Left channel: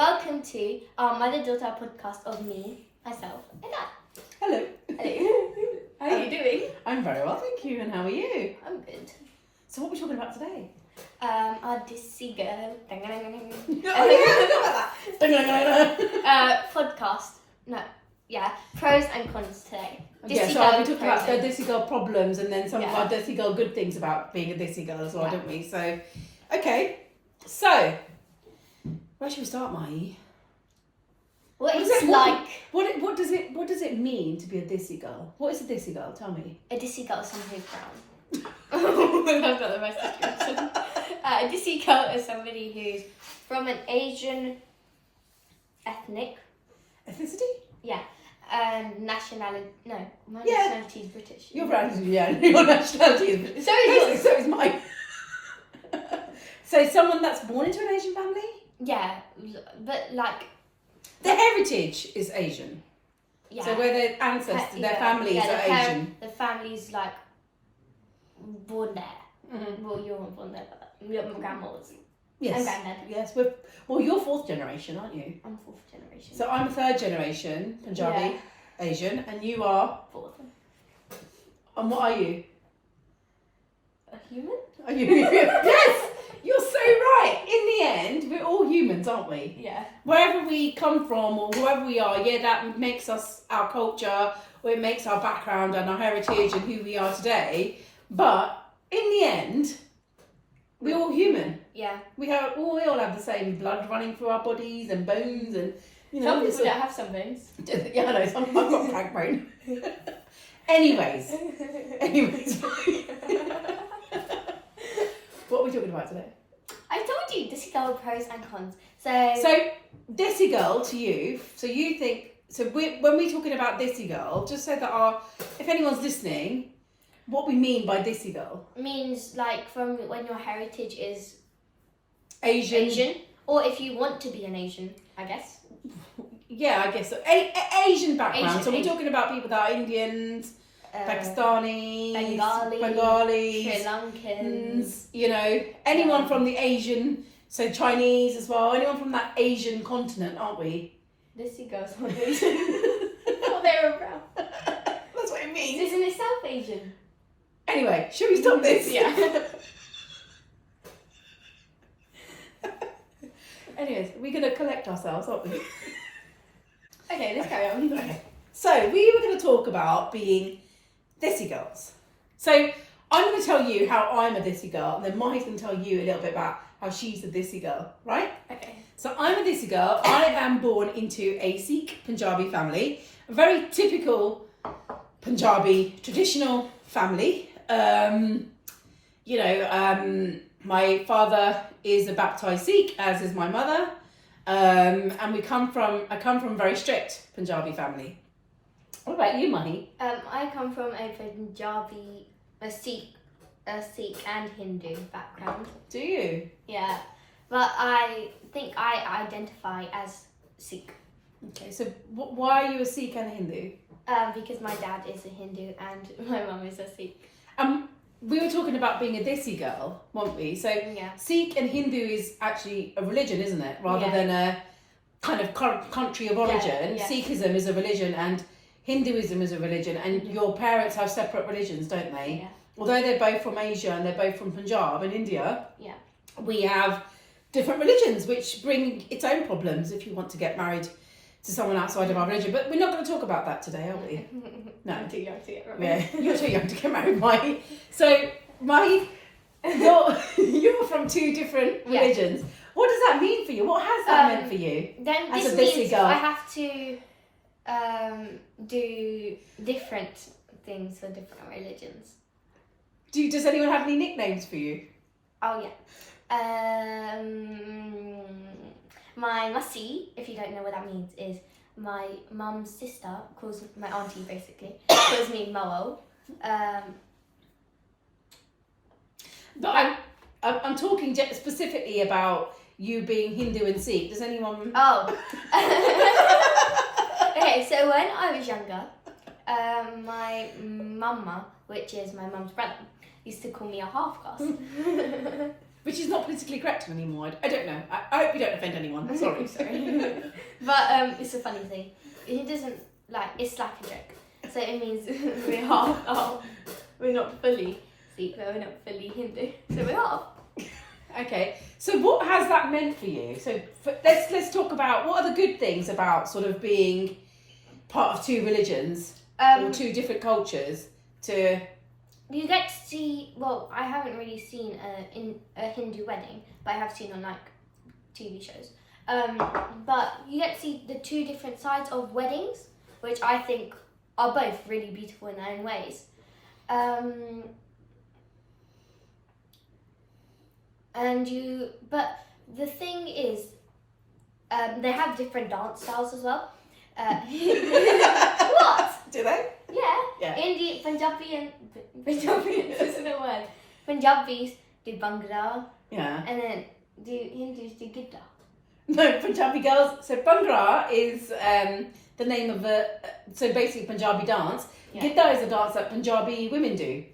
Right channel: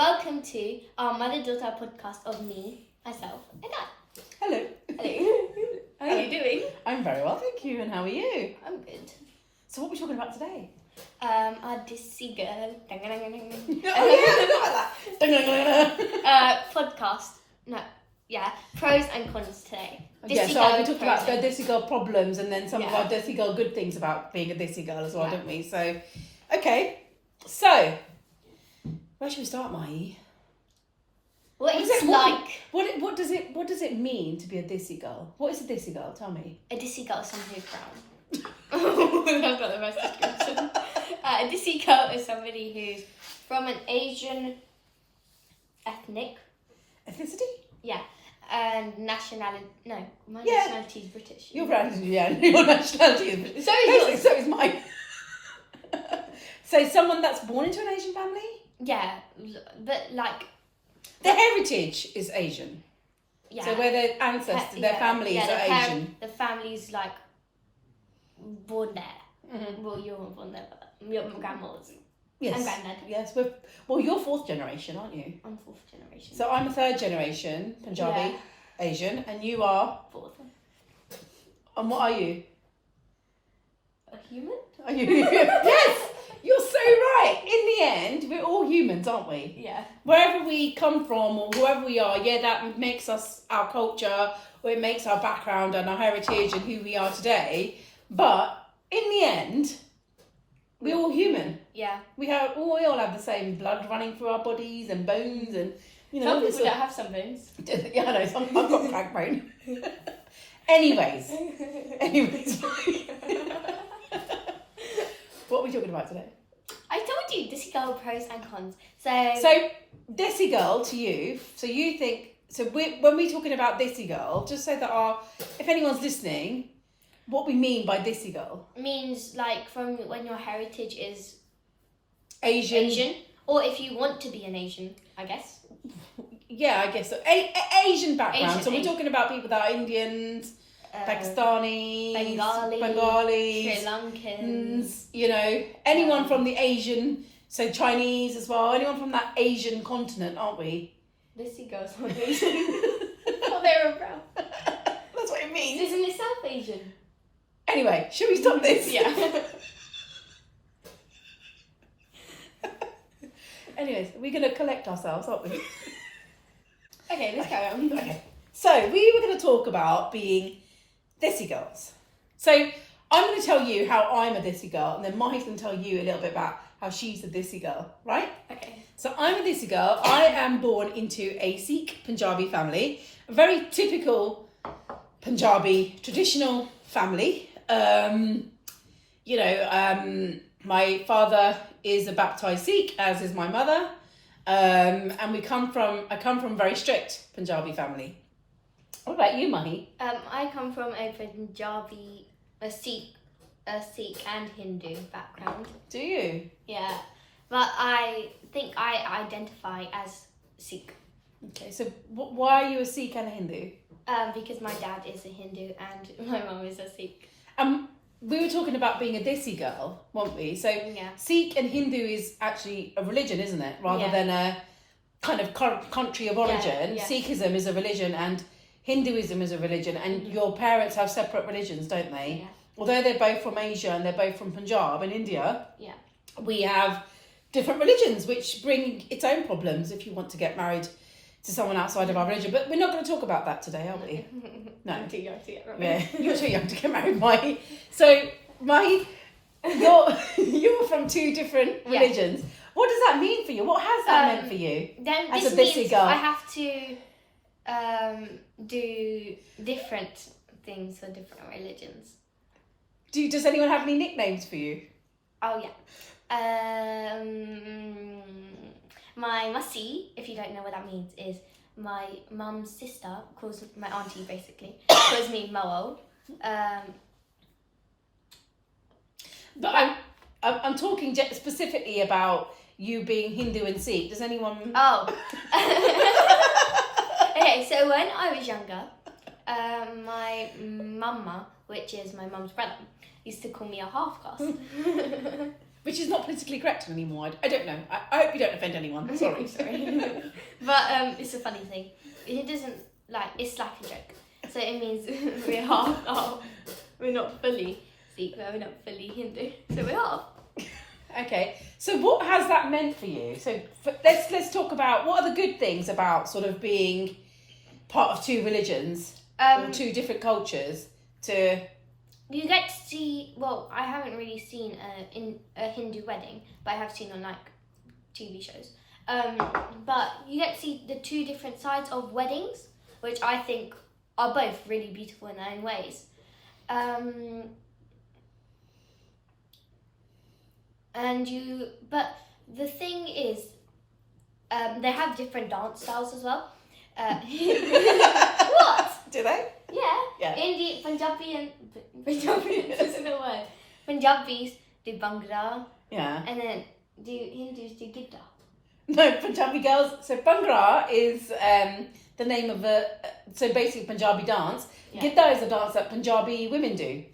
welcome to our mother-daughter podcast of me, myself, and Dad. Hello. Hello. How are you doing? I'm very well, thank you. And how are you? I'm good. So what are we talking about today? Our Desi girl. Podcast. No, yeah. Pros and cons today. Yeah, so I'll be talking about the Desi girl problems and then some of our Desi girl good things about being a Desi girl as well, don't we? So, okay. So, where should we start, Mai? What does does it mean to be a Desi girl? What is a Desi girl? Tell me. A Desi girl is someone who's brown. I've got the best description. A Desi girl is somebody who's from an Asian ethnicity. Yeah. Nationality. No, my nationality is British. Your nationality is British. So is mine. So someone that's born into an Asian family? Yeah, but like... Their heritage is Asian. Yeah. So where their ancestors, their families are Asian. The family's like born there. Mm-hmm. Well, you weren't born there, but my grandma was. Yes. And granddad. Yes. Well, you're fourth generation, aren't you? I'm fourth generation. So I'm a third generation Punjabi, Asian, and you are? Fourth. And what are you? A human? Are you? Yes! You're so right. In the end, we're all humans, aren't we? Yeah. Wherever we come from or whoever we are, that makes us our culture, or it makes our background and our heritage and who we are today. But in the end, we're all human. Yeah. We all have the same blood running through our bodies and bones and, some people don't have some bones. Yeah, I know. I've got crack bone. Anyways. What are we talking about today? I told you, Desi girl pros and cons. So Desi girl to you. So you think when we're talking about Desi girl, just so that if anyone's listening, what we mean by Desi girl means like from when your heritage is Asian, or if you want to be an Asian, I guess. Yeah, I guess so. Asian background. So we're talking about people that are Indians. Pakistanis, Bengalis, Sri Lankans, anyone from the Asian, so Chinese as well, anyone from that Asian continent, aren't we? Desi girls are Asian. Oh, they're brown. That's what it means. Isn't it South Asian? Anyway, should we stop this? Yeah. Anyways, we're going to collect ourselves, aren't we? Okay, let's carry on. Okay. So, we were going to talk about being Desi girls. So I'm going to tell you how I'm a Desi girl, and then Mahi's going to tell you a little bit about how she's a Desi girl, right? Okay. So I'm a Desi girl. I am born into a Sikh Punjabi family, a very typical Punjabi traditional family. My father is a baptized Sikh, as is my mother, and I come from a very strict Punjabi family. What about you, Mahi? I come from a Punjabi, a Sikh and Hindu background. Do you? Yeah, but I think I identify as Sikh. Okay, so why are you a Sikh and a Hindu? Because my dad is a Hindu and my mum is a Sikh. We were talking about being a Desi girl, weren't we? So Sikh and Hindu is actually a religion, isn't it? Rather than a kind of country of origin. Yeah. Sikhism is a religion and Hinduism is a religion, and your parents have separate religions, don't they? Yeah. Although they're both from Asia and they're both from Punjab and India, we have different religions, which bring its own problems if you want to get married to someone outside of our religion. But we're not going to talk about that today, are we? No. I'm too young to get married. Yeah, you're too young to get married, Mai. So, Mai, you're from two different religions. What does that mean for you? What has that meant for you? Then as this a Desi means girl? I have to do different things for different religions. Does anyone have any nicknames for you? Oh yeah. My Masi, if you don't know what that means, is my mum's sister, calls my auntie basically, calls me Moo. But I'm talking specifically about you being Hindu and Sikh. Does anyone? Oh. Okay, so when I was younger, my mama, which is my mum's brother, used to call me a half caste. which is not politically correct anymore. I don't know. I hope you don't offend anyone. Sorry. But it's a funny thing. It doesn't it's like a joke. So it means we're half. We're not fully Sikh, we're not fully Hindu. So we're half. Okay. So what has that meant for you? So let's talk about what are the good things about sort of being part of two religions or two different cultures to. You get to see, well, I haven't really seen a Hindu wedding, but I have seen on TV shows. But you get to see the two different sides of weddings, which I think are both really beautiful in their own ways. But the thing is, they have different dance styles as well. What? Do they? Yeah. Hindi, Punjabi isn't a word. Punjabis do Bhangra. Yeah. And then Hindus do Gidda. No, Punjabi girls. So Bhangra is the name of so basically Punjabi dance. Yeah. Gidda is a dance that Punjabi women do.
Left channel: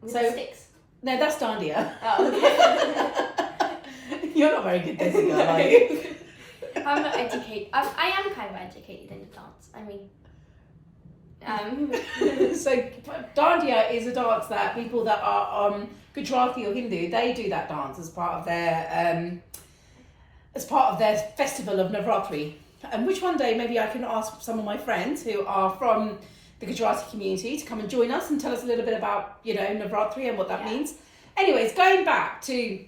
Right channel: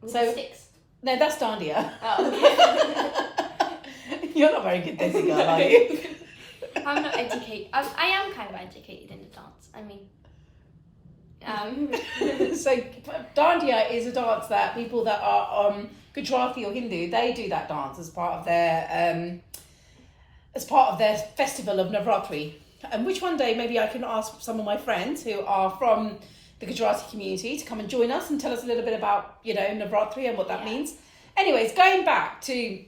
With the sticks? No, that's Dandiya. Oh, okay. You're not very good dancing girl, are you? I'm not educated. I am kind of educated in the dance. I mean, So Dandiya is a dance that people that are Gujarati or Hindu, they do that dance as part of their festival of Navratri. And which one day maybe I can ask some of my friends who are from the Gujarati community to come and join us and tell us a little bit about, Navratri and what that means. Anyways, going back to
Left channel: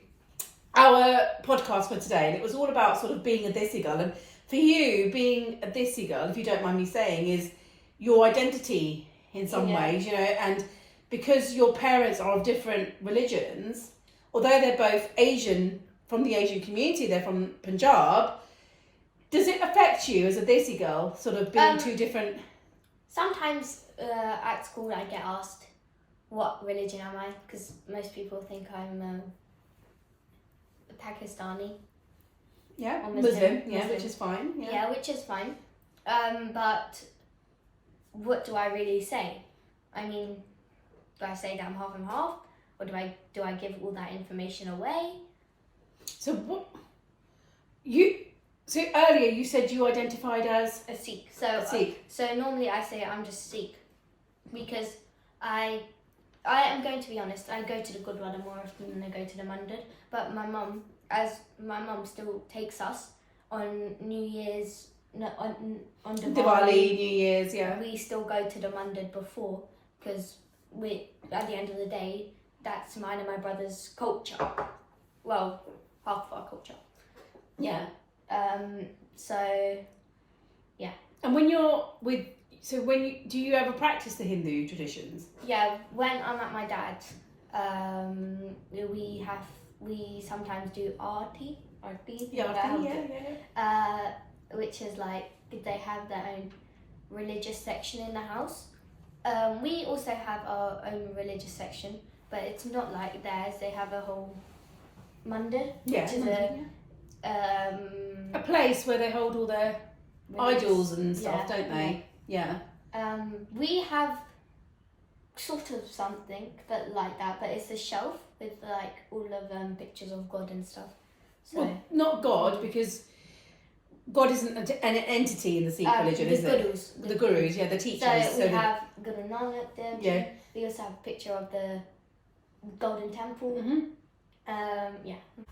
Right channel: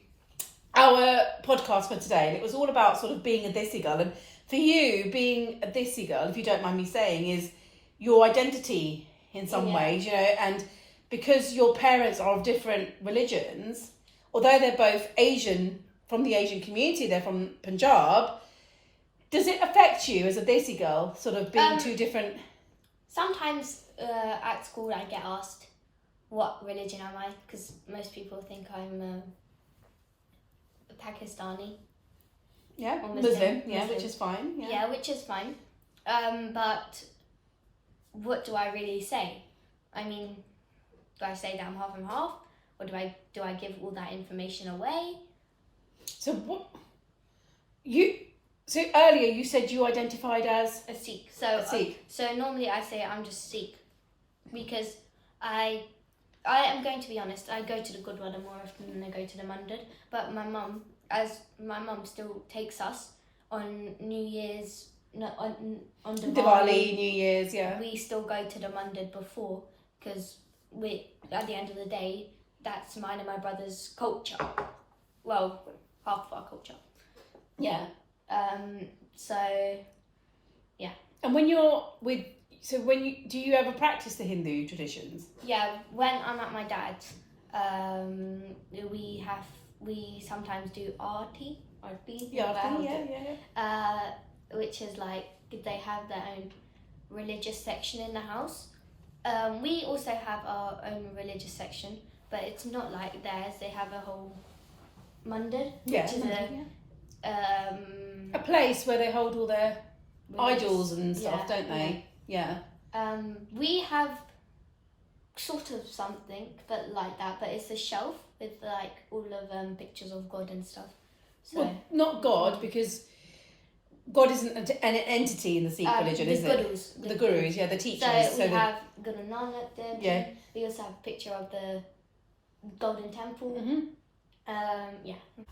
our podcast for today, and it was all about sort of being a Desi girl. And for you, being a Desi girl, if you don't mind me saying, is your identity in some ways, and because your parents are of different religions, although they're both Asian, from the Asian community, they're from Punjab, does it affect you as a Desi girl, sort of being two different? Sometimes at school I get asked, what religion am I? Because most people think I'm Pakistani. Yeah, Muslim, which is fine. Yeah, which is fine. But what do I really say? I mean, do I say that I'm half and half? Or do I give all that information away? So So earlier you said you identified as a Sikh. So normally I say I'm just Sikh because I am going to be honest. I go to the Gurdwara more often than I go to the Mandir. But my mum still takes us on New Year's, on Diwali, New Year's, yeah. We still go to the Mandir before because at the end of the day, that's mine and my brother's culture. Well, half of our culture. Yeah. So, yeah. And do you ever practice the Hindu traditions? Yeah, when I'm at my dad's, we sometimes do arti. Which is they have their own religious section in the house. We also have our own religious section, but it's not like theirs. They have a whole mandir, which is a place where they hold all their idols and stuff, don't they? Yeah. We have sort of something, but like that. But it's a shelf with all of pictures of God and stuff. So not God, because God isn't an entity in the Sikh religion, is it? The gurus, the teachers. So we have Guru Nanak there. Yeah. We also have a picture of the Golden Temple. Mm-hmm.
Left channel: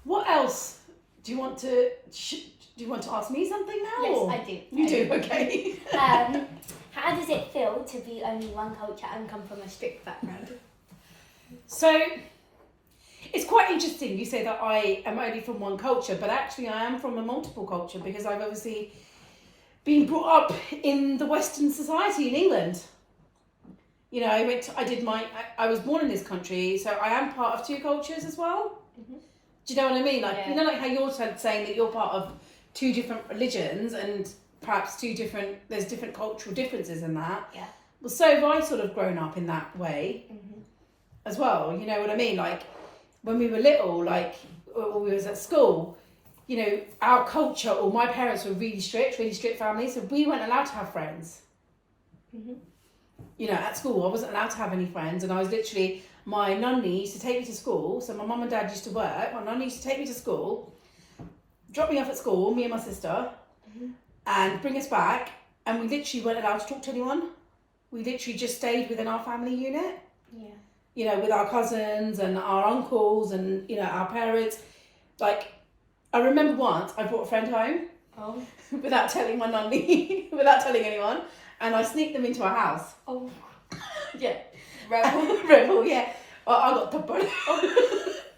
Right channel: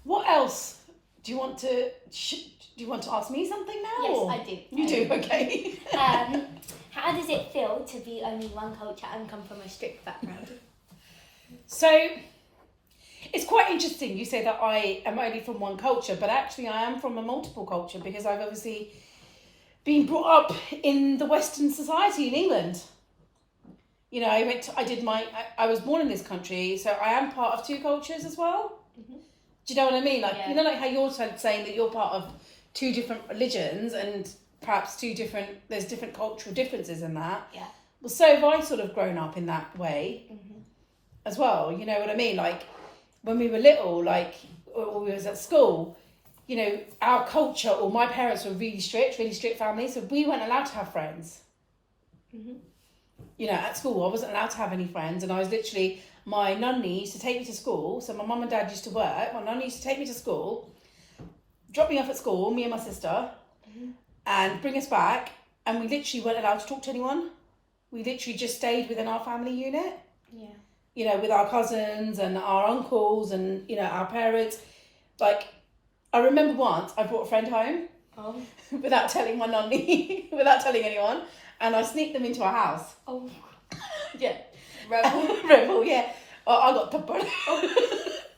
What else? Do you want to ask me something now? Yes, I do. You do, okay. How does it feel to be only one culture and come from a strict background? So, it's quite interesting you say that I am only from one culture, but actually I am from a multiple culture because I've obviously been brought up in the Western society in England. I was born in this country, so I am part of two cultures as well. Mm-hmm. Do you know what I mean? How you're saying that you're part of two different religions and perhaps there's different cultural differences in that. Yeah. Well, so have I sort of grown up in that way as well. You know what I mean? When we were little, when we was at school, our culture, or my parents were really strict families, so we weren't allowed to have friends. Mm-hmm. At school, I wasn't allowed to have any friends, and I was literally, my nunny used to take me to school. So my mum and dad used to work. My nunny used to take me to school, drop me off at school, me and my sister, and bring us back. And we literally weren't allowed to talk to anyone. We literally just stayed within our family unit. Yeah. You know, with our cousins and our uncles and, you know, our parents. Like, I remember once I brought a friend home without telling my nunny, without telling anyone. And I sneaked them into our house. Oh. Yeah. Rebel. Rebel, yeah. Well, I got peppered.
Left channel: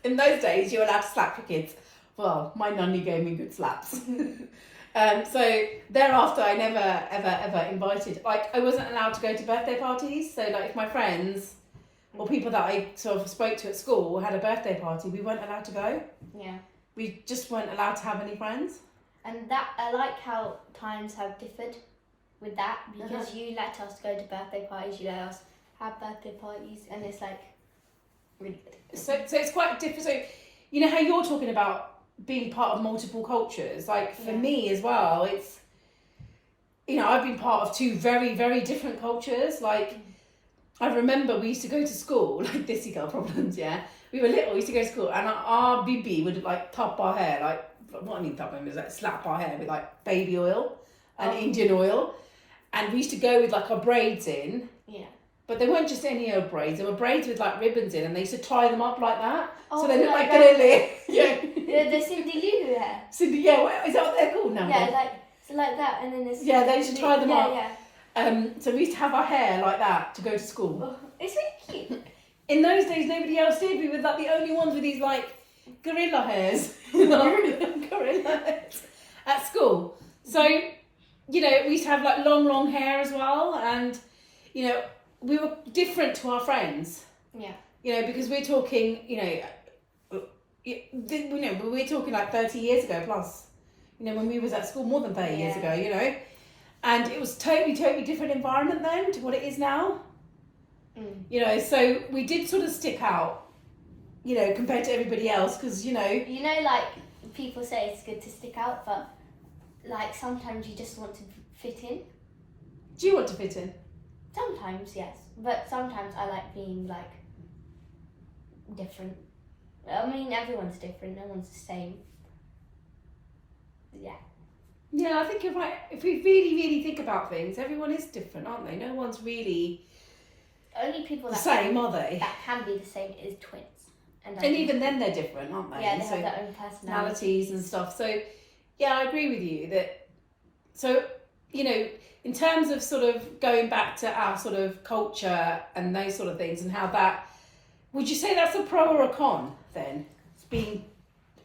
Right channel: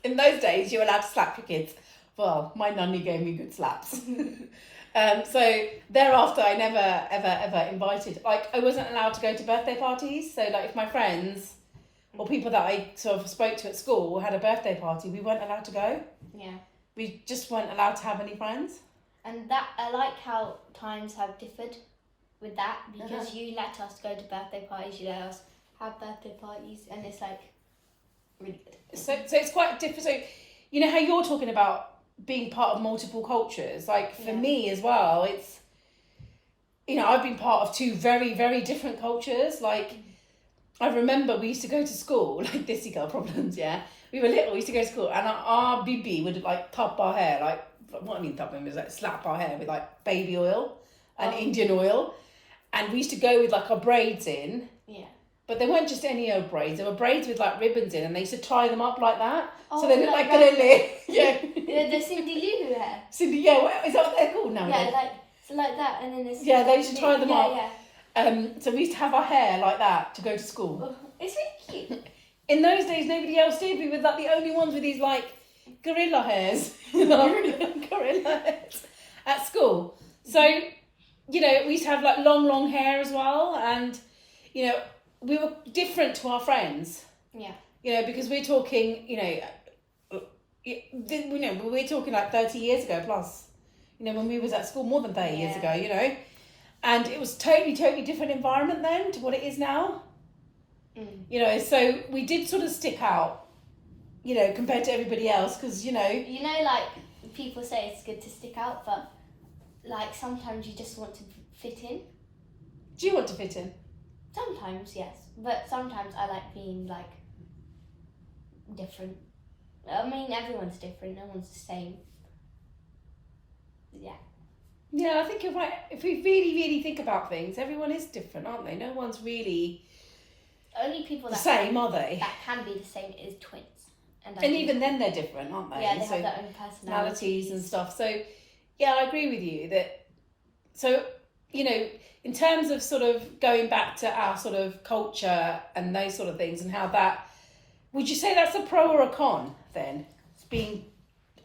In those days, you were allowed to slap your kids. Well, my nunny gave me good slaps. So thereafter, I never, ever invited. Like, I wasn't allowed to go to birthday parties. So, like, if my friends or people that I sort of spoke to at school had a birthday party, we weren't allowed to go. Yeah. We just weren't allowed to have any friends. And that, I like how times have differed with that, because you let us go to birthday parties, you let us have birthday parties, and it's like really good. So it's quite different. So, you know how you're talking about being part of multiple cultures, like for me as well, it's, you know, I've been part of two very, very different cultures. Like, I remember we used to go to school, like Desi girl problems, yeah. We were little, we used to go to school, and our bibi would like top our hair, like, what I mean top them is like slap our hair with like baby oil and Indian oil. And we used to go with like our braids in. Yeah. But they weren't just any old braids. They were braids with like ribbons in, and they used to tie them up like that. Oh, so they look like like Gorilla. Yeah. The Cindy Lou hair. Cindy, yeah, is that what they're called now? Yeah, like that, and then there's... Yeah, they used to tie them up. Yeah. So we used to have our hair like that to go to school. Oh, it's really cute. In those days, nobody else did. We were like the only ones with these like gorilla hairs. Gorilla hairs at school. So, you know, we used to have like long hair as well, and, you know, we were different to our friends. Yeah. You know, because we're talking, we're talking like 30 years ago plus. You know, when we was at school more than 30 years ago, you know. And it was totally different environment then to what it is now. You know, so we did sort of stick out, you know, compared to everybody else, because, you know... You know, like, people say it's good to stick out, but, like, sometimes you just want to fit in. Do you want to fit in? Sometimes, yes. But sometimes I like being, like, different. I mean, everyone's different. No one's the same. Yeah. Yeah, I think you're right. If we really think about things, everyone is different, aren't they? No one's really... Only people the that same, are they? That can be the same is twins. And even then they're different, aren't they? Yeah, they have their own personalities and stuff. So, yeah, I agree with you that... So, you know, in terms of sort of going back to our sort of culture and those sort of things and how that... Would you say that's a pro or a con, then? It's being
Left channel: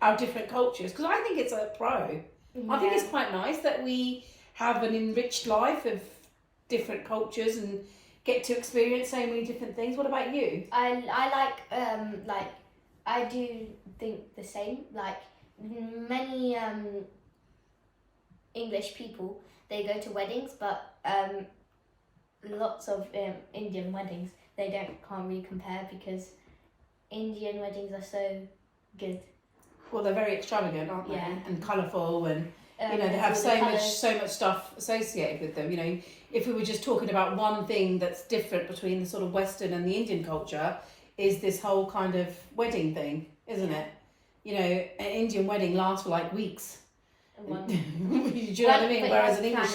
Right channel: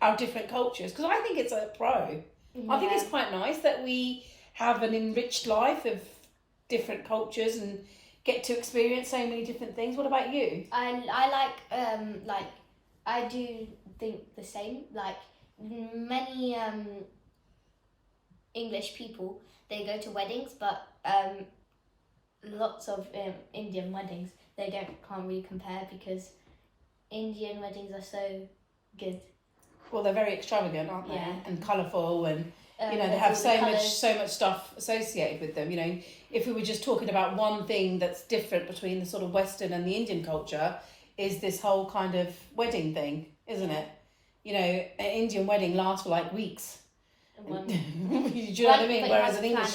our different cultures? Because I think it's a pro. Yeah. I think it's quite nice that we have an enriched life of different cultures and get to experience so many different things. What about you? I like I do think the same. Like, many English people, they go to weddings, but lots of Indian weddings, they can't really compare, because Indian weddings are so good. Well, they're very extravagant, aren't they? Yeah. And colourful, and you know, they have so much stuff associated with them. You know, if we were just talking about one thing that's different between the sort of Western and the Indian culture, is this whole kind of wedding thing, isn't it? You know, an Indian wedding lasts for like weeks. Do you know what I mean? Whereas an English.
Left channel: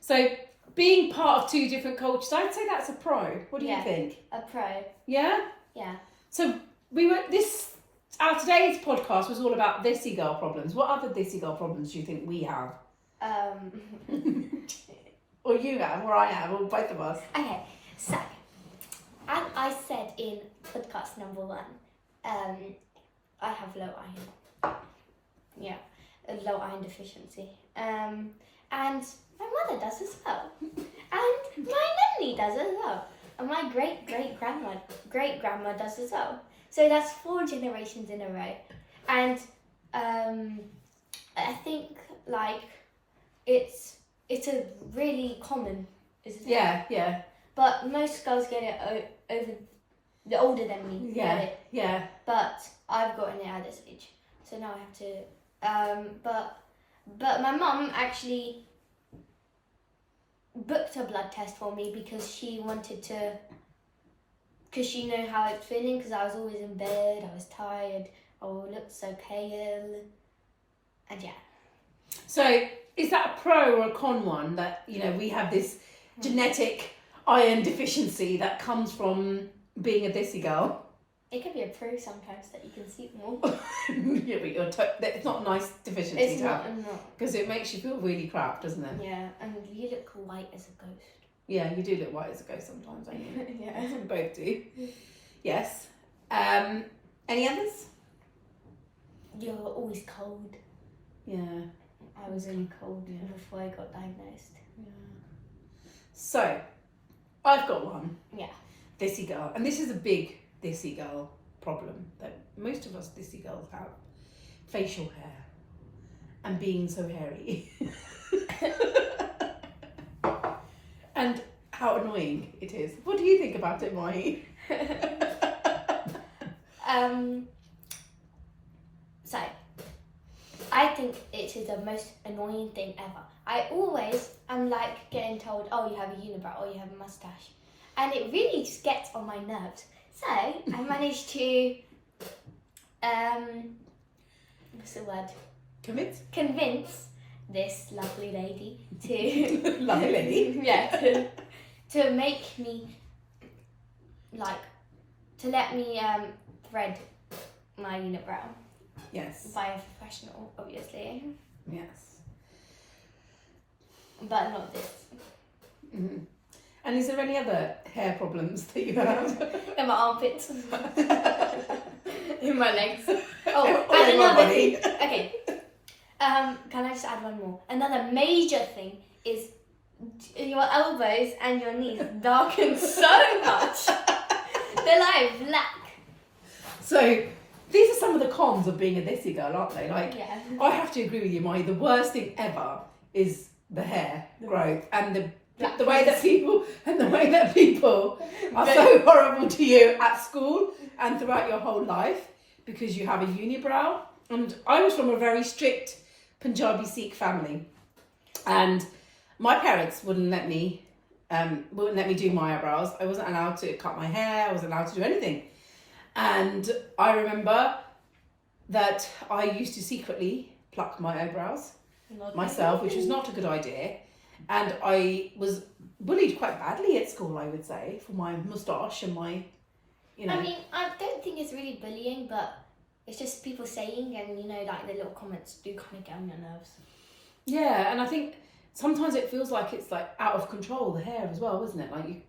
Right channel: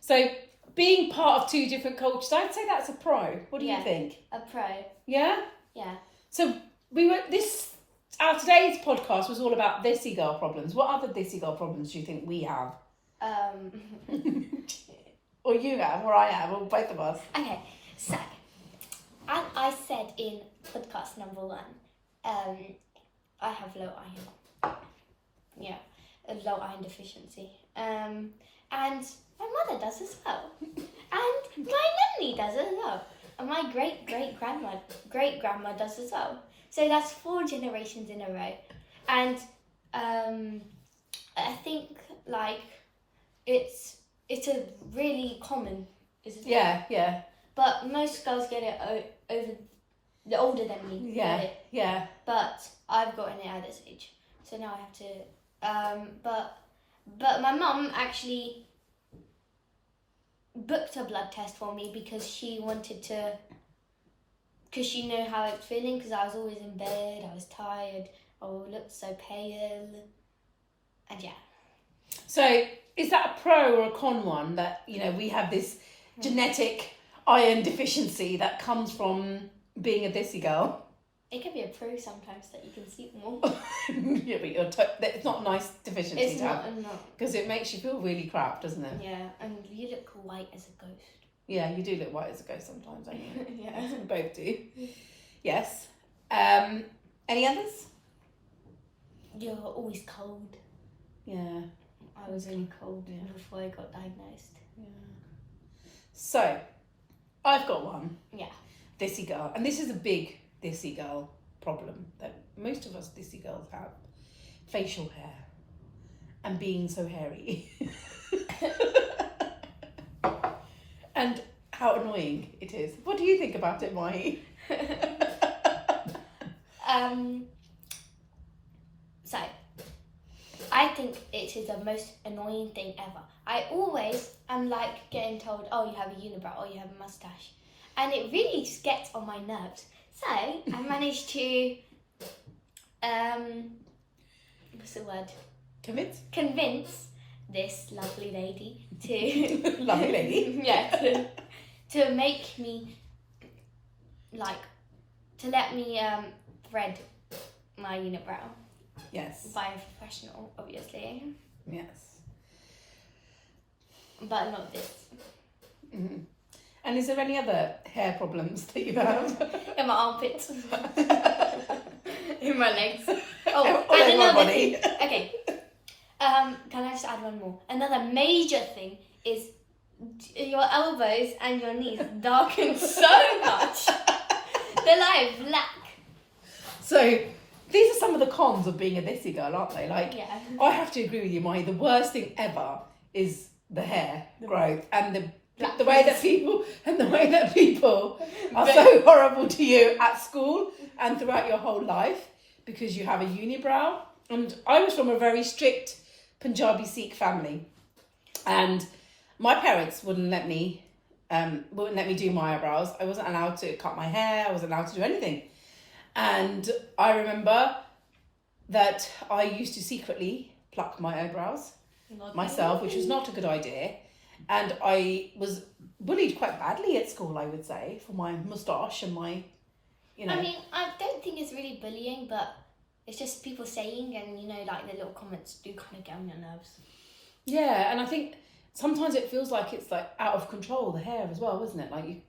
So being part of two different cultures, I'd say that's a pro. What do you think? A pro. Yeah? Yeah. So our today's podcast was all about Desi girl problems. What other Desi girl problems do you think we have? Or you have, or I have, or both of us. Okay, so, as I said in podcast number 1, I have low iron. Yeah, a low iron deficiency. And my mother does as well. And my nanny does as well. And my great-grandma does as well. So that's 4 generations in a row. And I think, like, it's a really common, isn't it? Yeah. But most girls get it over, the older than me. Yeah. But I've gotten it at this age. So now I have to, but my mum actually booked a blood test for me because she wanted to because you know how it's feeling. Because I was always in bed, I was tired, I looked so pale, and yeah. So is that a pro or a con one that, you know, we have this genetic iron deficiency that comes from being a Desi girl? It can be a pro sometimes that you can sleep more. Yeah, but it's not a nice deficiency It's to not, have. not. Because it makes you feel really crap, doesn't it? Yeah, and you look white as a ghost. Yeah, you do look white as a ghost sometimes, don't you? Yeah. We both do. Yes. Any others? You're always cold. Yeah. I was really cold before I got diagnosed. Yeah. So, I've got one. Yeah. Desi girl. And this is a big Desi girl problem that most of us Desi girls have. Facial hair. And being so hairy. And how annoying it is. What do you think about it, Mahi? So, I think it is the most annoying thing ever. I always am like getting told, oh, you have a unibrow, oh, you have a mustache. And it really just gets on my nerves. So, I managed to, what's the word? Convince this lovely lady to... Lovely lady? Yeah, to make me, like, to let me thread my unibrow. Yes. By a professional, obviously. Yes. But not this. Mm-hmm. And is there any other hair problems that you have? In my armpits. In my legs. Oh, All and over my another body. thing. Okay. Can I just add one more? Another major thing is your elbows and your knees darken so much. They're like black. So, these are some of the cons of being a Desi girl, aren't they? Like, Yeah. I have to agree with you, Mai. The worst thing ever is the hair growth and the way that people are so horrible to you at school and throughout your whole life because you have a unibrow. And I was from a very strict Punjabi Sikh family, and my parents wouldn't let me do my eyebrows. I wasn't allowed to cut my hair. I wasn't allowed to do anything. And I remember that I used to secretly pluck my eyebrows myself, which was not a good idea. And I was bullied quite badly at school, I would say, for my moustache and my, you know. I mean, I don't think it's really bullying, but it's just people saying, and you know, like the little comments do kind of get on your nerves. Yeah, and I think sometimes it feels like it's like out of control, the hair as well, isn't it? Like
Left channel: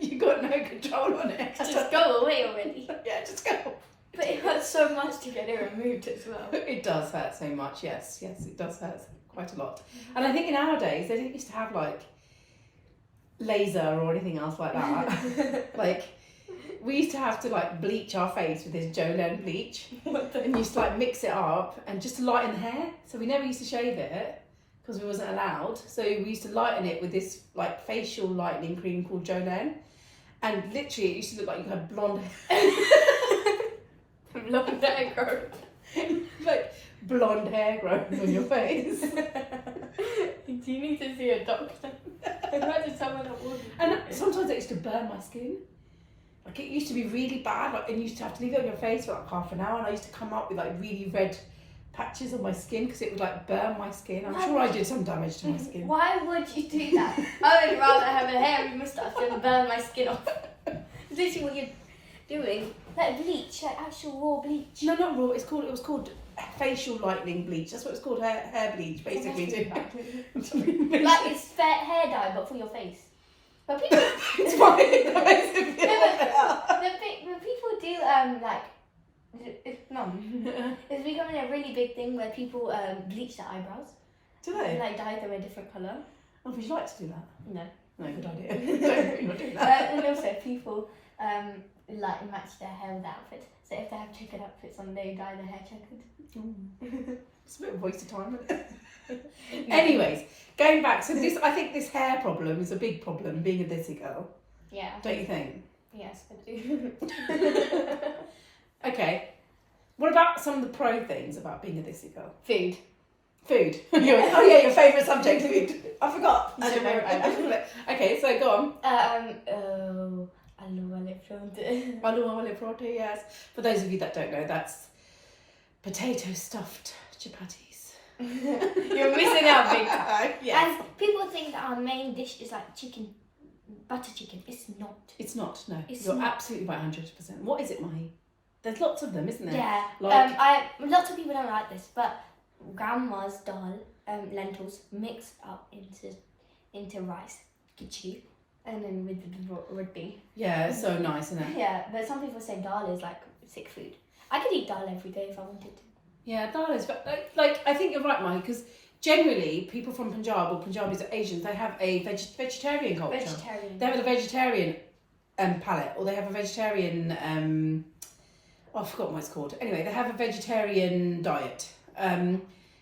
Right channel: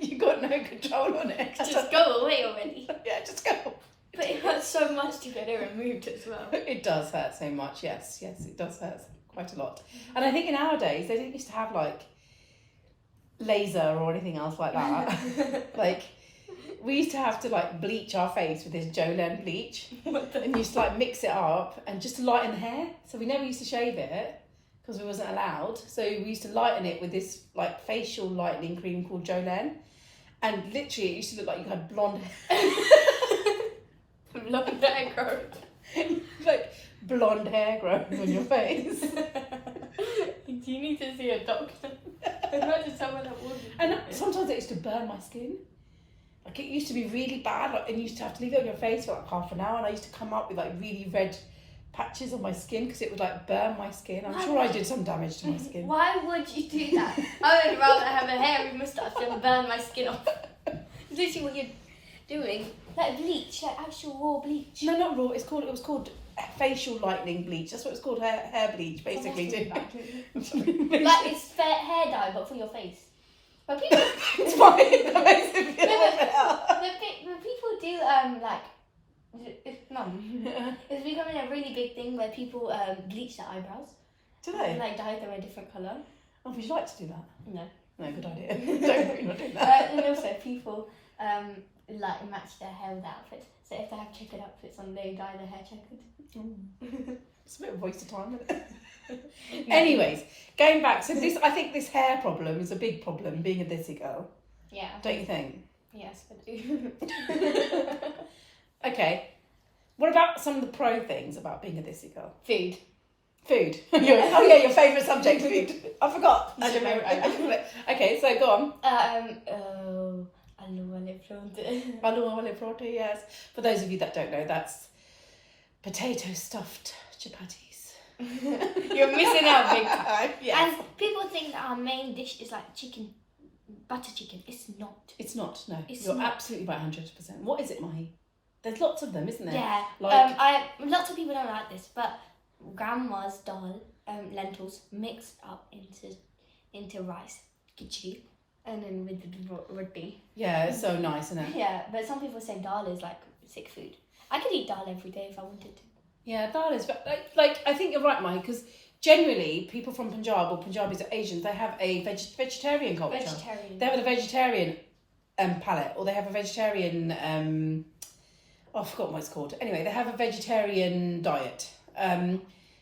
you got no control on it. Just go away already. Yeah, just go. But it hurts so much to get it removed as well. It does hurt so much, yes, it does hurt quite a lot. And I think in our days, they didn't used to have like laser or anything else like that. Like, we used to have to like bleach our face with this Jolene bleach. And used to like mix it up and just to lighten the hair. So we never used to shave it because we wasn't allowed. So we used to lighten it with this like facial lightening cream called Jolene. And literally it used to look like you had blonde hair. Blonde hair growth. Like blonde hair growing on your face. Do you need to see a doctor? Imagine someone that would. And sometimes it used to burn my skin. Like it used to be really bad, like, and you used to have to leave it on your face for like half an hour, and I used to come up with like really red patches on my skin because it would like burn my skin. I'm sure I did some damage to my skin. Why would you do that? I would rather have a hairy moustache than burn my skin off. Literally what you're doing. Like bleach, like actual raw bleach. No, not raw. It was called facial lightening bleach. That's what it's called, hair bleach, basically. Like it's hair dye, but for your face. But people, it's fine. That makes it feel better. the people do it's becoming a really big thing where people bleach their eyebrows. Do they? And, like dye them a different colour. Oh, would you like to do that? No. No, good idea. Don't not do that. And also people like match their hair with outfits. So if they have checkered outfits on, they dye their hair checkered. It's a bit of a waste of time, isn't it? Anyways, going back, so this, I think this hair problem is a big problem, being a Desi girl. Yeah. Don't you think? Yes, I do. Okay. What about some of the pro things about being a Desi girl? Food. Your favourite subject, food. I forgot. That's your favourite. Okay, so go on. Aloo wale parathe. Aloo wale parathe, yes. For those of you that don't know, that's potato stuffed chapatis. You're missing out big time. Yes. And people think that our main dish is like chicken, butter chicken. It's not. It's not, no. You're absolutely right, 100%. What is it, Mahi? There's lots of them, isn't there? Yeah. Like, lots of people don't like this, but grandma's dal, lentils mixed up into rice, khichdi, and then with the roti. Yeah, it's so nice, isn't it? Yeah, but some people say dal is like sick food. I could eat dal every day if I wanted to. Yeah, dal is, but like I think you're right, Mahi, because generally people from Punjab or Punjabis or Asians, they have a vegetarian culture. They have a vegetarian palate, or they have a vegetarian I forgot what it's called. Anyway, they have a vegetarian diet.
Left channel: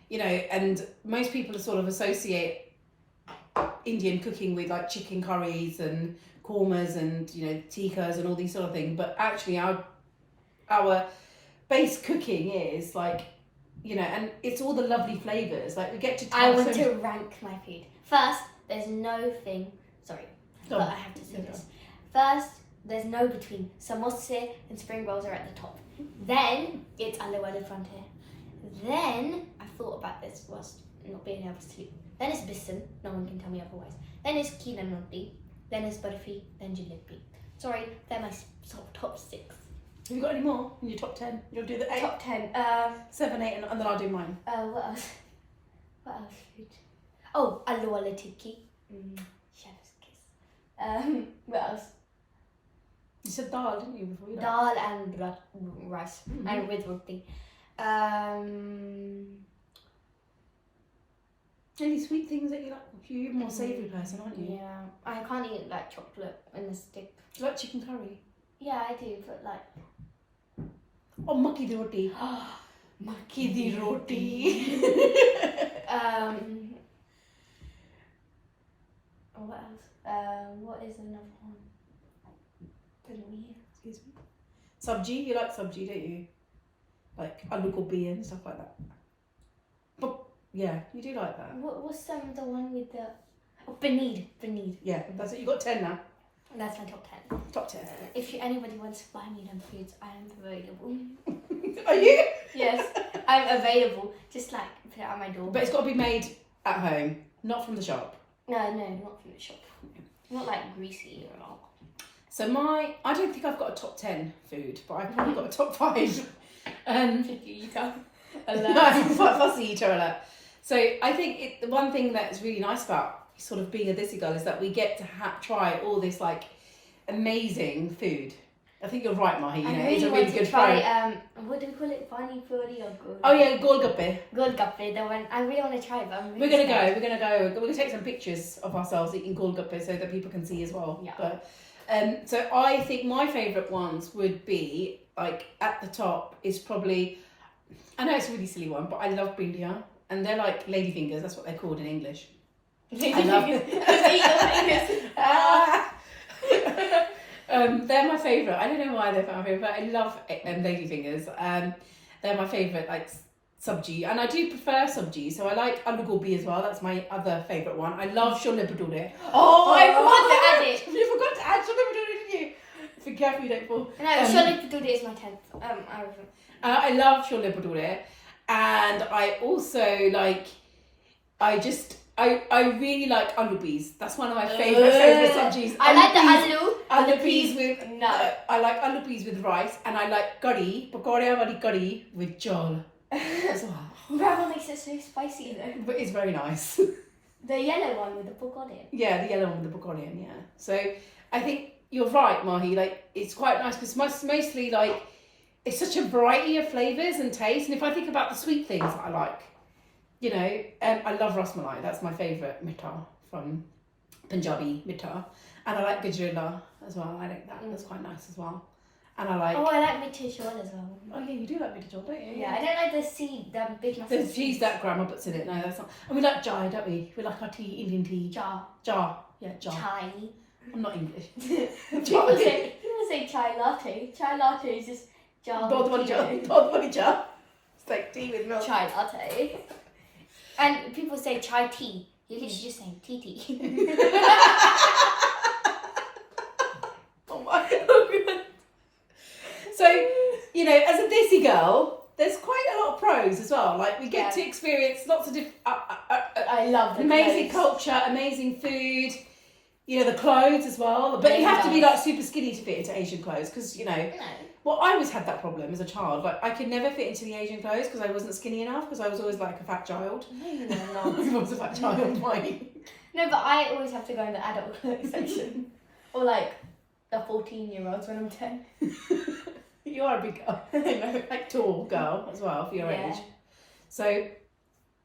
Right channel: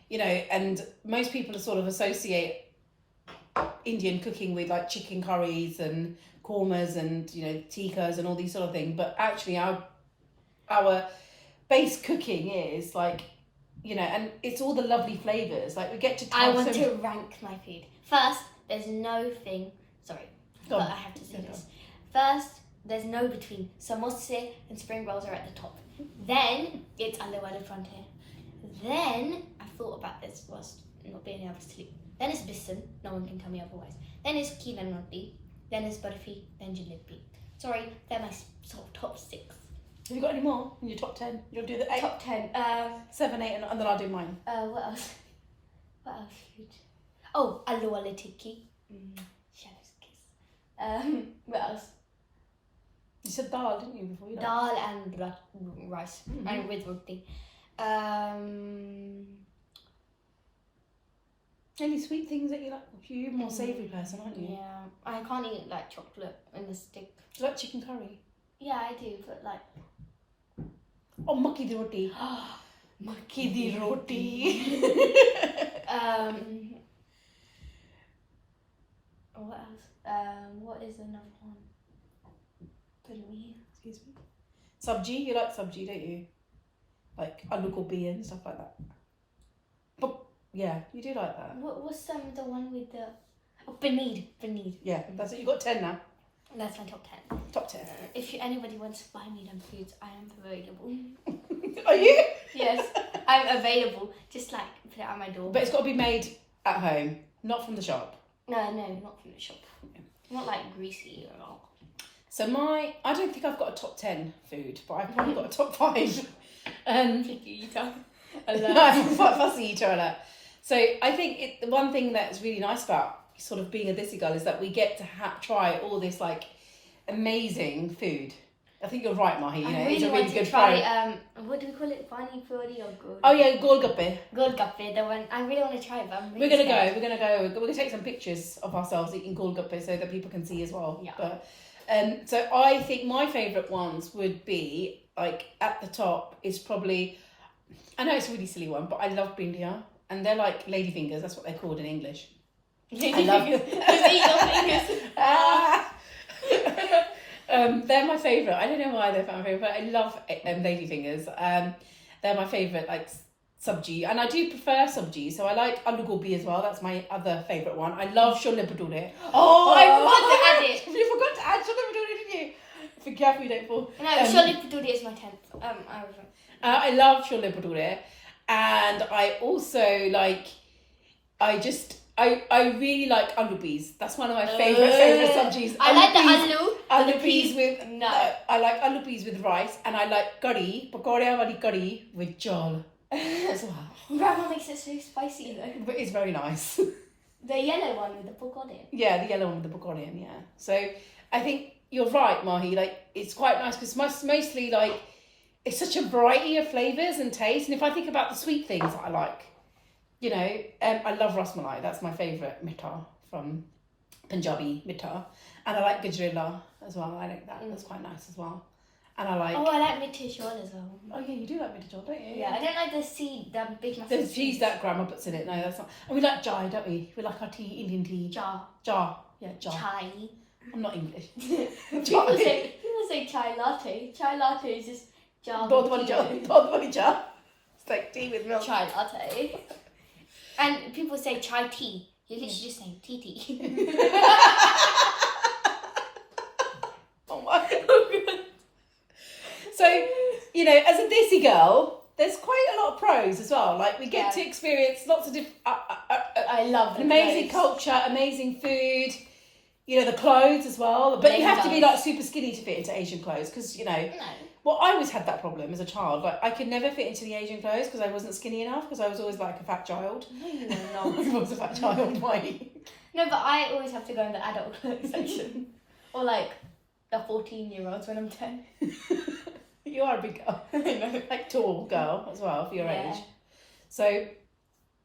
You know, and most people sort of associate Indian cooking with like chicken curries and kormas and, you know, tikkas and all these sort of things. But actually our base cooking is like, you know, and it's all the lovely flavours. Like we get to I want to rank my food. First, there's no thing. Sorry, but I have to say this. First, there's no between. Samosa and spring rolls are at the top. Then it's aloo wale parathe. Then I thought about this whilst not being able to sleep. Then it's bisan. No one can tell me otherwise. Then it's keela roti. Then it's barfi. Then jalebi. Sorry, they're my top 6. Have you got any more in your top 10? You'll do the 8? Top 10. 7, 8, and then I'll do mine. What else? What else? Oh, aloo wale tikki. Chef's kiss. What else? You said dal, didn't you, before? Dal and rice. And with roti. Any sweet things that you like? You're a more savoury person, aren't you? Yeah. I can't eat like chocolate in a stick. Do you like chicken curry? Yeah, I do, but like... Oh, makki di roti. Makki di roti. What else? What is another one? Excuse me. Sabji, you like sabji, don't you? Like aloo gobi and stuff like that. But yeah, you do like that. What's the one with the... Oh, paneer. Yeah, that's it. You got 10 now. That's my top 10. Top 10. If anybody wants to buy me them foods, I am available. Are you? Yes, I'm available. Just like put it out my door. But it's got to be made at home, not from the shop. No, not from the shop. Not like greasy or all. So I don't think I've got a top 10 food, but I've probably got a top 5. Picky eater. I'm a fussy eater alert. So I think the one thing that's really nice about sort of being a Desi girl is that we get to try all this like amazing food. I think you're right, Mahi. You know, it's a really good try. What do we call it? Pani puri or gol? Oh yeah, golgappe. Golgappe. The one I really want to try, but we're gonna go. We're gonna take some pictures of ourselves eating golgappe so that people can see as well. Yeah. But so I think my favourite ones would be like at the top is probably. I know it's a really silly one, but I love bindia, and they're like ladyfingers. That's what they're called in English. I love they're my favourite. I don't know why they're my favourite, but I love ladyfingers. They're my favourite, like sabji, and I do prefer sabji. So I like aloo gobi as well. That's my other favourite one. I love chole bhature. Oh, I forgot to add it. You forgot to add chole bhature, didn't you? Be careful you don't fall. No, chole bhature is my 10th. I love chole bhature, and I also like. I really like aloo peas. That's one of my favourite sabjis. I like the aloo peas with no. I like aloo peas with rice, and I like curry, pakora wali curry with jal as well. Grandma makes it so spicy though. But it's very nice. The yellow one with the pakora. Yeah, the yellow one with the pakora. Yeah. So I think you're right, Mahi. Like it's quite nice because mostly like it's such a variety of flavours and tastes. And if I think about the sweet things that I like. You know, I love rasmalai. That's my favourite mitta from Punjabi mitta. And I like gajrela as well. I like that. That's quite nice as well. And I like... Oh, I like mitta chol as well. Oh, yeah, you do like mitta chol, don't you? Yeah, I don't like the seed, the big massive the cheese that grandma puts in it. No, that's not... And we like chai, don't we? We like our tea, Indian tea. Jar. Yeah, jar. Chai. I'm not English. People say chai latte. Chai latte is just jar. Dod wali jar. It's like tea with milk. Chai latte. And people say chai tea. You're literally just saying tea tea. Oh my God. So, you know, as a Desi girl, there's quite a lot of pros as well. Like, we get to experience lots of different... I love amazing culture, amazing food, you know, the clothes as well. But you have to be, like, super skinny to fit into Asian clothes because, you know... No. Well, I always had that problem as a child. Like, I could never fit into the Asian clothes because I wasn't skinny enough because I was always, like, a fat child. No, you were not. I was a fat child, why? No, but I always have to go in the adult clothes section. Or, like, the 14-year-olds when I'm 10. You are a big girl. I know, like tall girl as well for your age. So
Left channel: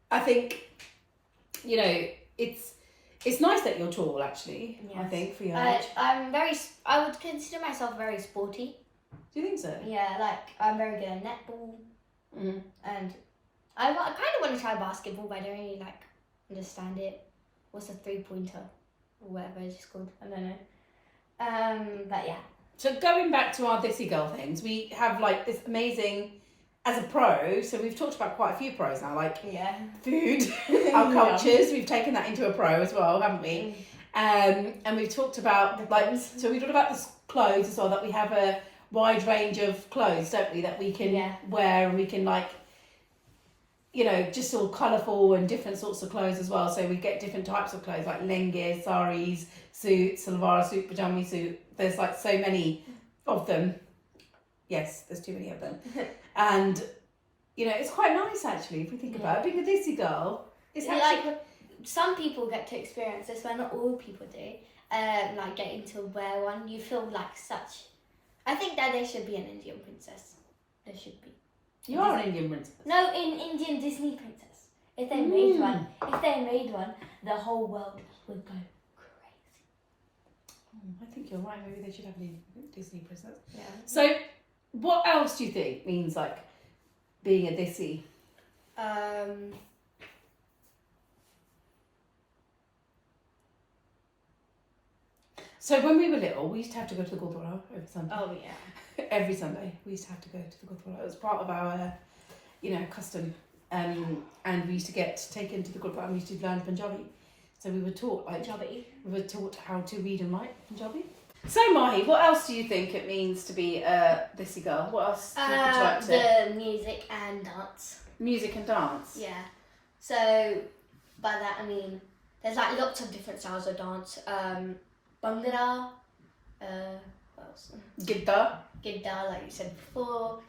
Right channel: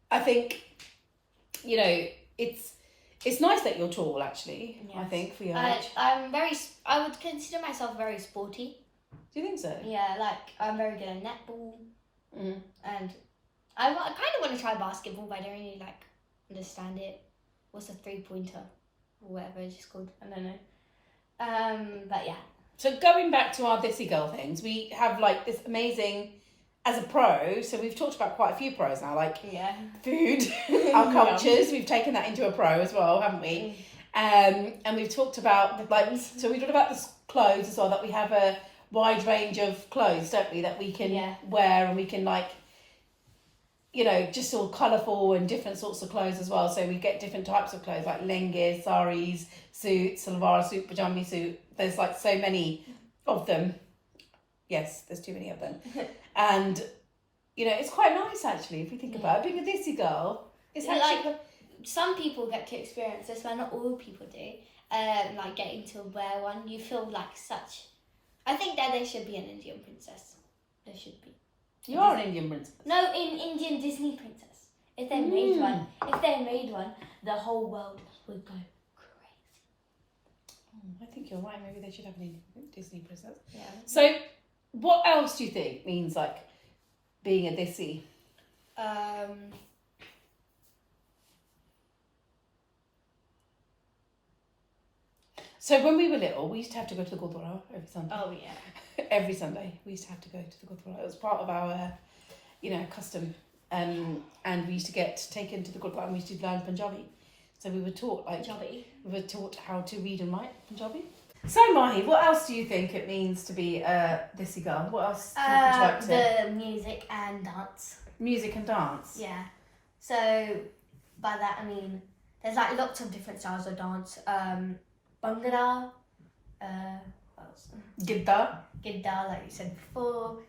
I think, you know, it's nice that you're tall actually. Yes. I think for your age. I would consider myself very sporty. Do you think so? Yeah, like I'm very good at netball. And I kind of want to try basketball, but I don't really like understand it. What's a 3-pointer or whatever it's just called? I don't know. But yeah. So going back to our Desi girl things, we have like this amazing, as a pro, so we've talked about quite a few pros now, like food, our cultures, we've taken that into a pro as well, haven't we? And we've talked about, so we talked about the clothes as well, that we have a wide range of clothes, don't we, that we can wear and we can like, you know, just all colourful and different sorts of clothes as well. So we get different types of clothes like lengis, saris, suits, salwar suit, pajami suit. There's like so many of them. Yes, there's too many of them. And, you know, it's quite nice actually if you think about it. Being a Desi girl, it's actually... Like, some people get to experience this, but not all people do. Like getting to wear one. You feel like such... I think that there should be an Indian princess. There should be. You are an Indian princess. No, in Indian Disney princess. If they made one, the whole world would go crazy. I think you're right. Maybe they should have an Indian Disney princess. Yeah. So, what else do you think means like being a Desi? So when we were little, we used to have to go to the Gurdwara every Sunday. Oh yeah. Every Sunday we used to have to go to the Gurdwara. It was part of our, you know, custom. And we used to get taken to the Gurdwara and we used to learn Punjabi. So we were taught Punjabi. We were taught how to read and write Punjabi. So Mahi, what else do you think it means to be a Desi girl? What else would you like to? The music and dance. Music and dance? Yeah. So by that I mean there's like lots of different styles of dance. Bhangra, what else? Gidda, like you said before.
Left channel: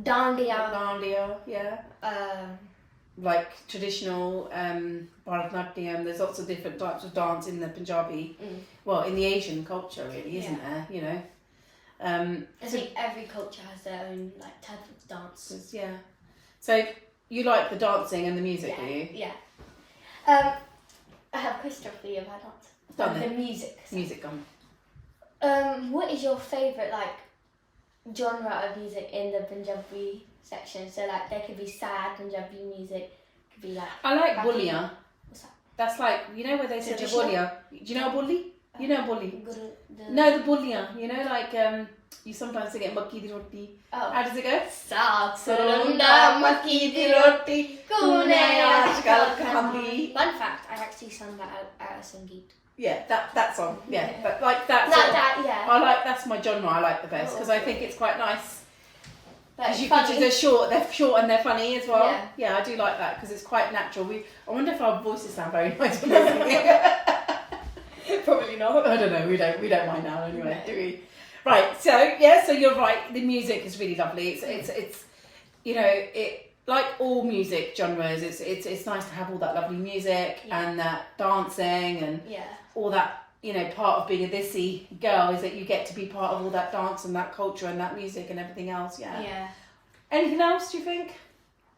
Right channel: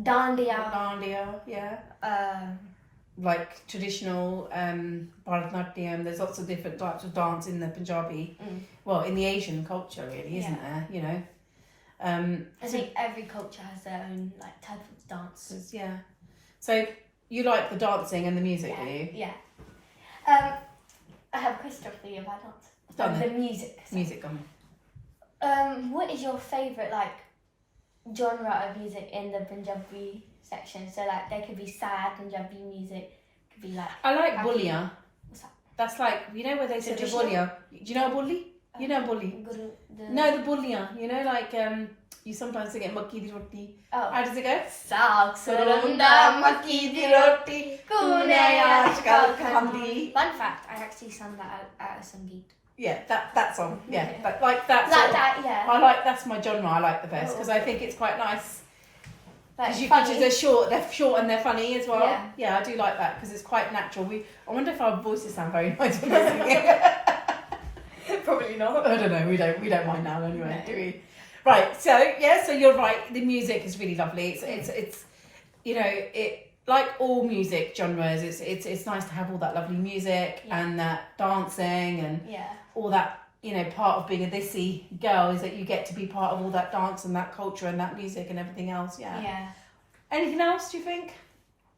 Dandiya, yeah. Like traditional Bharatanatyam. There's lots of different types of dance in the Punjabi. Well, in the Asian culture, really, isn't there? You know. I think every culture has their own like type of dance. Yeah. So you like the dancing and the music, do you? Yeah. I have a question for you about dance. The music. So. Music, gone. What is your favourite like genre of music in the Punjabi section? So like there could be sad Punjabi music, could be like. I like Bulliya. What's that? That's like, you know where they say Bulliya. Do you know a bully? You know a bully? No, the Bulliya. You know, like you sometimes get makki di roti. Oh. How does it go? Saag sarunda makki di roti kunaya ajkal khandi. Fun fact, I actually sang that at a Sangeet. Yeah, that song. Yeah, but like that. Yeah. I like, that's my genre. I like the best because I think it's quite nice. Like Because they're short and they're funny as well. Yeah, I do like that because it's quite natural. I wonder if our voices sound very nice when we're singing. Probably not. I don't know. We don't mind now anyway, do we? Right. So yeah. So you're right. The music is really lovely. It's you know, it like all music genres. It's nice to have all that lovely music and that dancing and all that. You know, part of being a Desi girl is that you get to be part of all that dance and that culture and that music and everything else. Yeah. Yeah. Anything else? Do you think?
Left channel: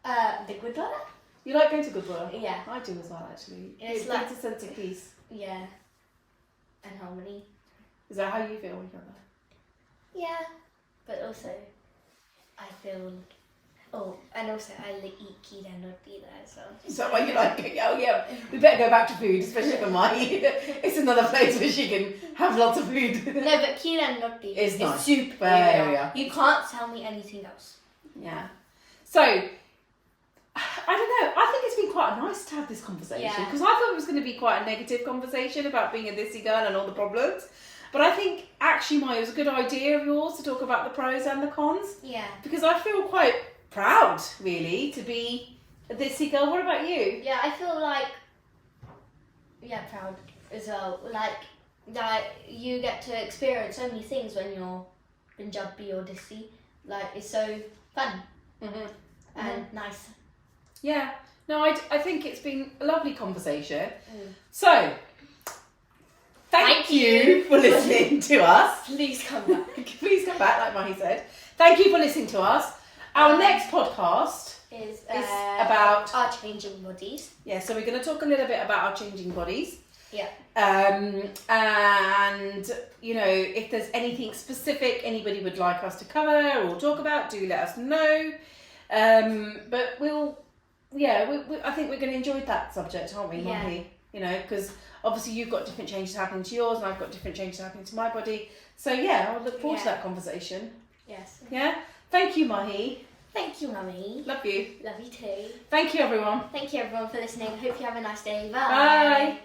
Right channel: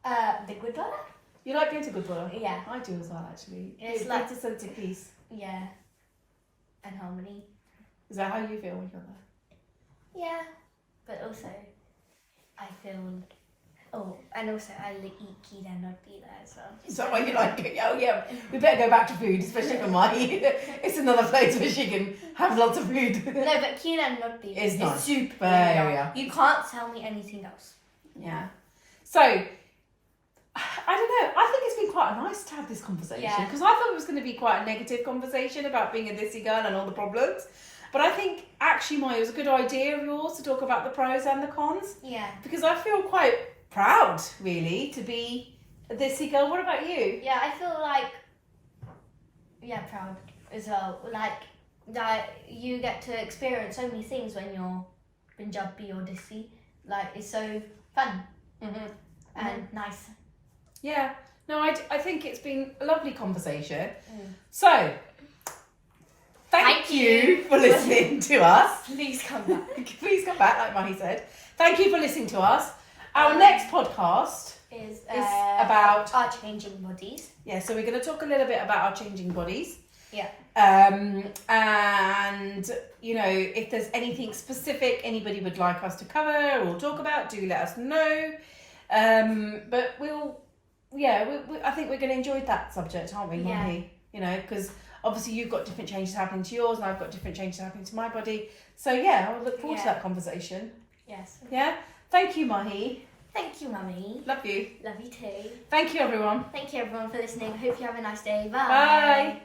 The Gurdwara. You like going to Gurdwara? Yeah. I do as well, actually. It's like a sense of peace. Yeah. And harmony. Is that how you feel when you're there? Yeah. But also, I feel... Oh, and also I eat keela and roti there as well. Is that why you like it? Oh, yeah. We better go back to food, especially for Mahi. It's another place where she can have lots of food. No, but keela and roti is nice. super. Yeah. You can't tell me anything else. Yeah. So, I don't know. I think it's been quite nice to have this conversation because I thought it was going to be quite a negative conversation about being a Desi girl and all the problems. But I think actually, Maya, it was a good idea of yours to talk about the pros and the cons. Yeah. Because I feel quite proud, really, to be a Desi girl. What about you? Yeah, I feel like, proud as well. Like, that you get to experience so many things when you're Punjabi or Desi. Like, it's so fun and nice. Yeah. No, I think it's been a lovely conversation. So, thank you for listening to us. Please come back. Please come back, like Mahi said. Thank you for listening to us. Our next podcast is about our changing bodies. Yeah, so we're going to talk a little bit about our changing bodies. Yeah. And, you know, if there's anything specific anybody would like us to cover or talk about, do let us know. But I think we're going to enjoy that subject, aren't we, Mahi? You know, because obviously you've got different changes happening to yours and I've got different changes happening to my body. So, I would look forward to that conversation. Yes. Yeah? Thank you, Mahi. Thank you, Mummy. Love you. Love you too. Thank you, everyone. Thank you, everyone, for listening. I hope you have a nice day. Bye. Bye.